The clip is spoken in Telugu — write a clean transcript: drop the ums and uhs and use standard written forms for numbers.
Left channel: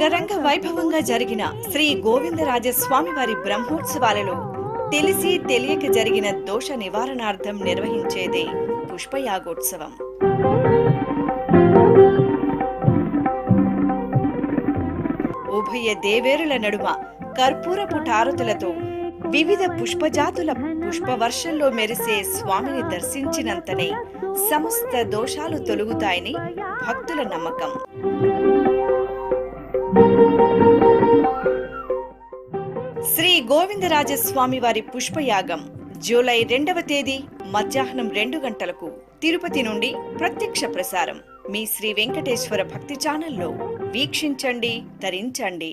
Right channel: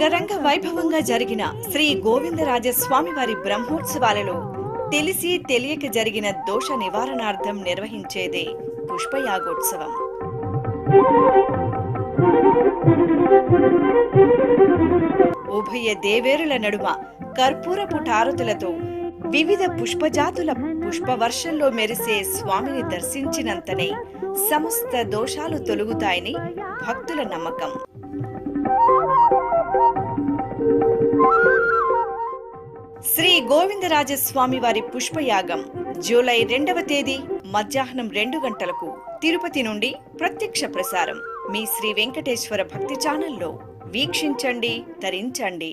అంగరంగ వైభవంగా జరిగిన శ్రీ గోవిందరాజస్వామి వారి బ్రహ్మోత్సవాలలో తెలిసి తెలియక జరిగిన దోష నివారణార్థం నిర్వహించేదే పుష్పయాగోత్సవం. ఉభయ దేవేరుల నడుమ కర్పూరపు టారతులతో వివిధ పుష్పజాతుల పుష్పవర్షంలో మెరిసే స్వామిని దర్శించినంతనే సమస్త దోషాలు తొలగుతాయని భక్తుల నమ్మకం. శ్రీ గోవిందరాజస్వామి వారి పుష్పయాగం జూలై 2వ తేదీ మధ్యాహ్నం 2 గంటలకు తిరుపతి నుండి ప్రత్యక్ష ప్రసారం మీ శ్రీ వెంకటేశ్వర భక్తి ఛానల్లో వీక్షించండి, తరించండి.